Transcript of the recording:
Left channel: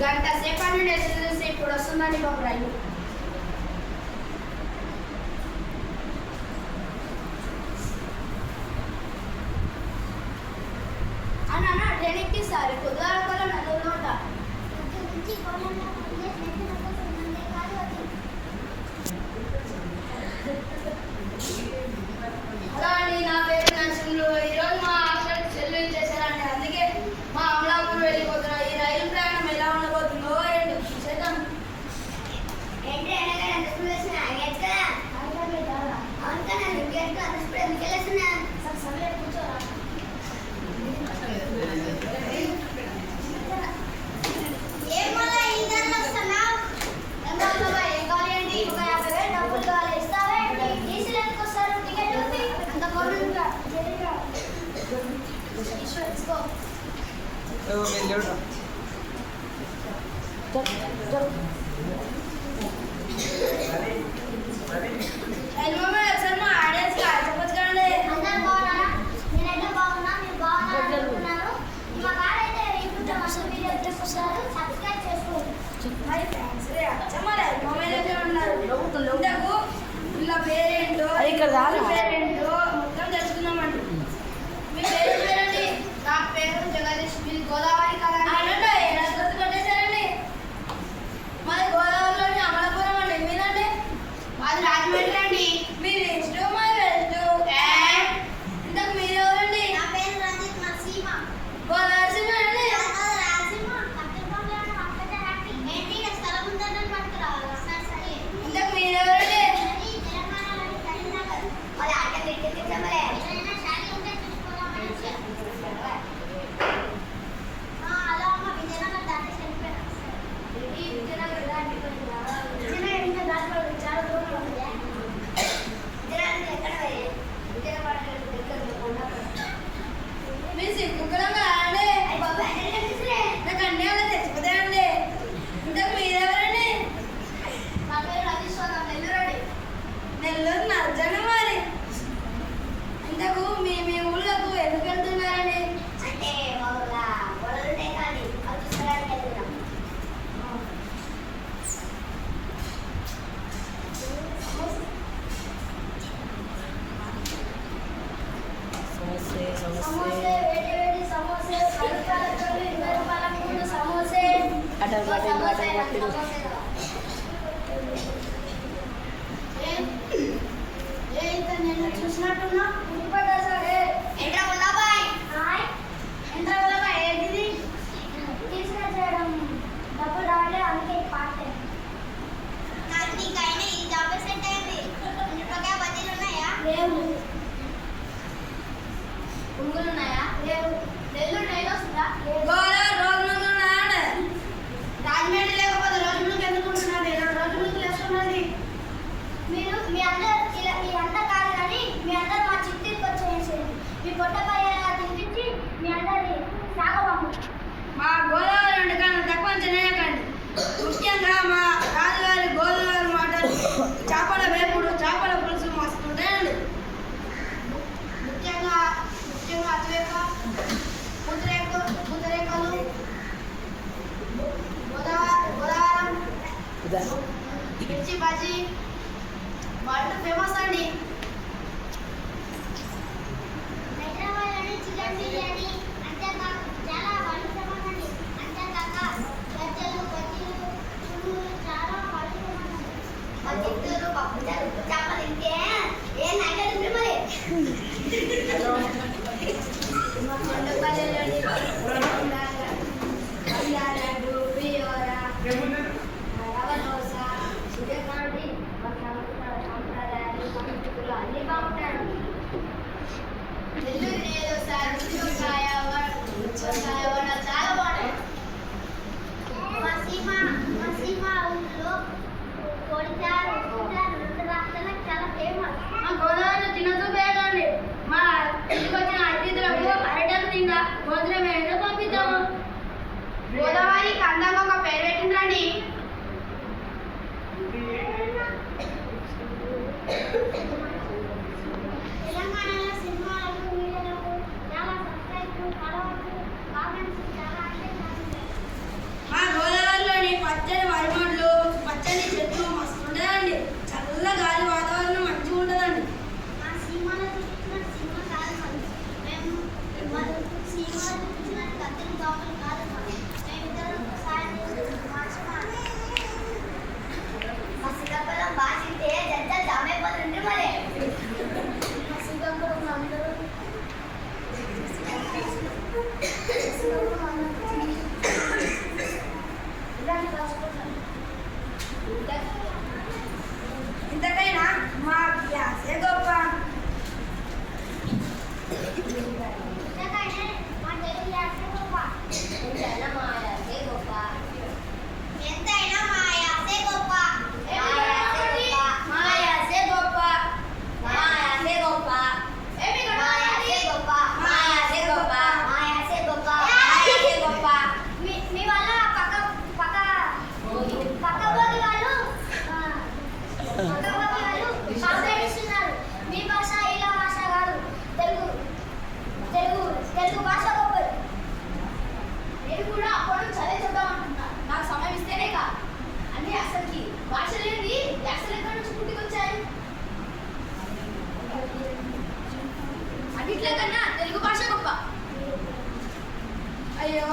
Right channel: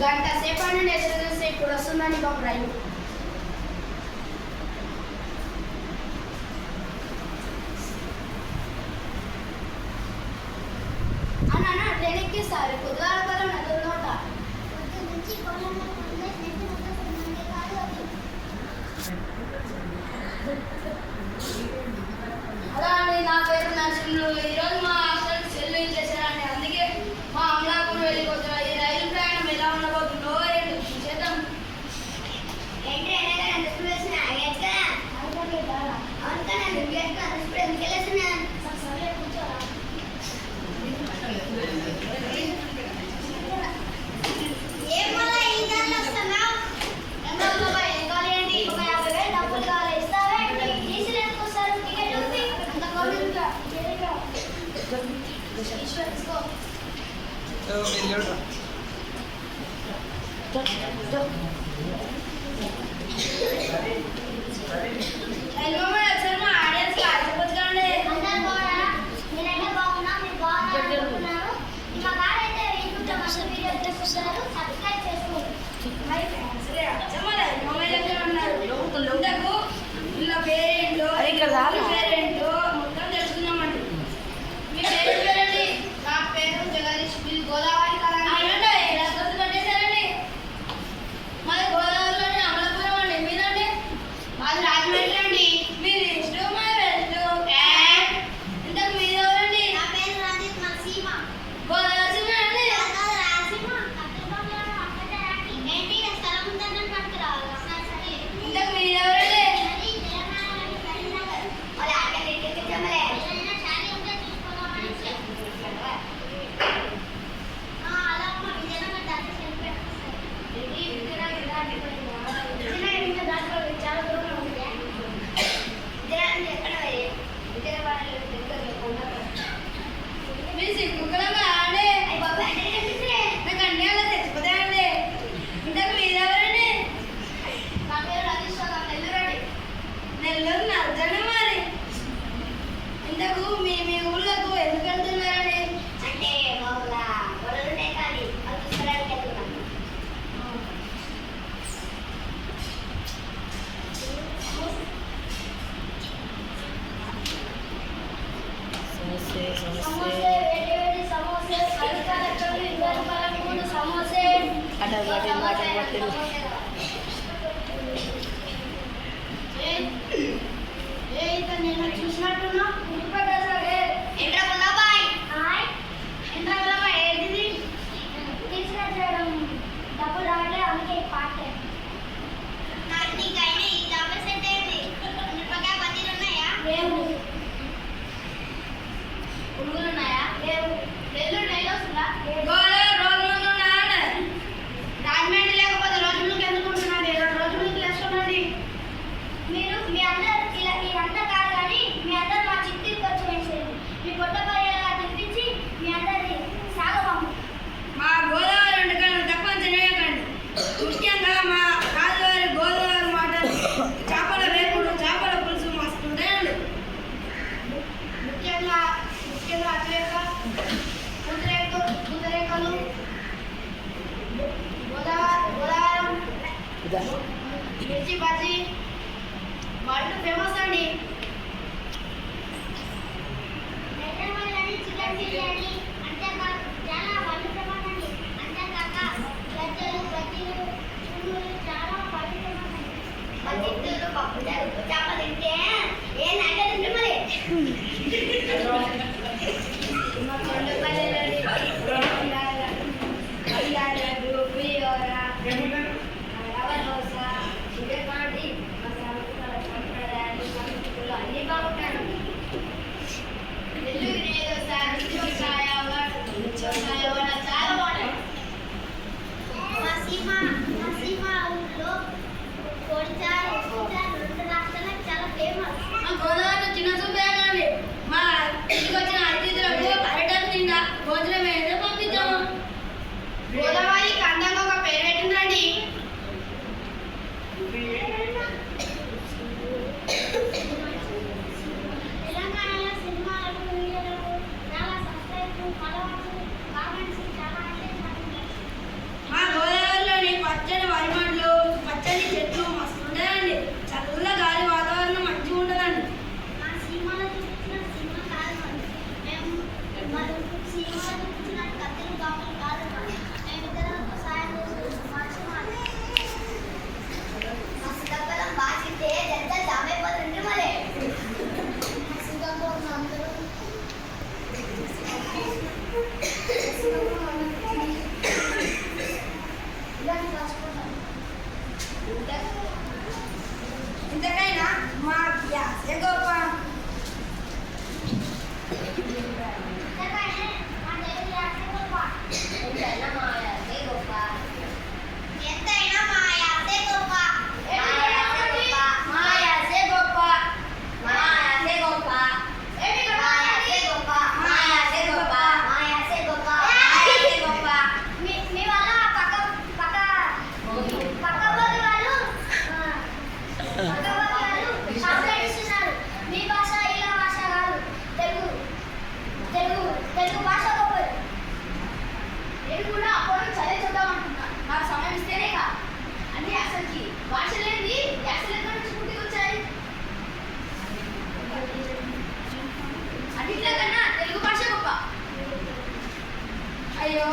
గంట సేపు అని ఎదురు చూసి ఇప్పుడు వస్తుందండి బాబు రైలు. అన్న ట్రైన్ ఎక్కిస్తారు కొద్దిగా నోట అలా అండి. నా పేరు నరసింహులు. ఈరోజు మా హాస్టల్ సెల్లు ఇచ్చేసారండి. అందుకే మా అమలాపూర్ వెళ్ళిపోతున్నారు. ఈ రైలు ప్రయాణం ఎలా ఉండబోతుందో ఏంటి చేద్దాం. పేరేంటో పేరేంటో మొత్తం తెలుసుకుందామండి. మీ పేరు పేరండి? నా పేరు జగదీష్. గోదావరి కొట్టేశారండి. మాది గోదావరిలోని అమలాపురం అండి. మీరండి? మాది రాజమండ్రి అండి. మీరు వెస్ట్ మాది వెస్ట్. ఇంతకు మీరు ఎవరండి? నా పేరు రంజిత్. మా సీమ గోదావరి సీమ అండి. ఇంతకు మీరు ఎవరండి? నెల్లూరు నర్జనవారి. ఇంతకు మీ మీ ఊళ్ళకు ఎందుకు వెళ్తున్నారండి? అంటే నేను చూసినట్టున్నా డబ్బులు రావట్లేదు. అందుకే పాట నీకైనా ఈ జాబ్ సెట్ అయింది. మిరపకాయ బజ్జీలు ఉన్నాయా? లేవు. పురుగులు ఉన్నాయా? లేవు. నెల్లూరు నెల వస్తుందా? రాజమండ్రి లేకపోతే రోజు ముందుకు ఎందుకు ఉంటున్నది? 2 రోజుల ముందుకు వేసుకున్నది. మీరు మీ అందరూ ఇదంతా కాదు కానీ మీ అందరూ మా చిట్టికి వచ్చేసేది. మీ పొట్టపయ్యేలా తినిపించి మీ అందరి సాగబాము. మా గోదావరి వంటకాలను తక్కువ తినేయకండి. ముఖ్యంగా మా రాజువారి గోదావరి మాటలు చేపల వేపుడు చేపల పులుసు మస్తు ఉంటాయండి. ముఖ్యంగా పూతరేకలు గోదావరం మిర్చి బజ్జీ వరల్డ్ ఫేమస్ అండి. చికెన్ బిర్యానీ అంతేకాక చాలా వరల్డ్ ఫేమస్ అండి. అంతేకాక గజ్జలు బజ్జీలు చాలా వరల్డ్ ఫేమస్ అండి. బజ్జీలు పప్పు చేప తింటే ఏ నైట్ తింటే మరి అన్ని బాగుంటాయి. చాలా బాగుంటాయి. మా సీమ ఊళ్ళో కోడిచారు 2 రాష్ట్రాలకు చాలా ఫేమస్. మా గోదావరిలో తినచ్చు పేరండి. మా ఇంటికి వచ్చిన అతిథులకు అరటకు తిండా భోజనం ఏదో పంపిద్దాము. గోదావరికి అందంగా ఒక పేరు పెట్టిందండి. తెలంగాణలో సినిమాలకు వీడియోలకు చాలా సబ్స్క్రైబ్ ఫాలోవర్స్ కామెంట్స్ చాలా అంటే మా గోదావరి గాలి వాతావరణం మంచిగా ఉంటుందండి. ఇంతకైనా మా గ్యాసే గొప్ప. తెలుగు భాష గొప్పది. నేను కూడా అప్పుడు చదువుతామంటున్నా. నాకు సమయం ఇస్తేనే కా అన్ని అసలుకి భాష లేని అసలు ఎక్కడ నుంచి పుట్టుకొచ్చాయి. అన్నింటిలో కన్నా తెలుగు భాష గొప్ప. అయ్యో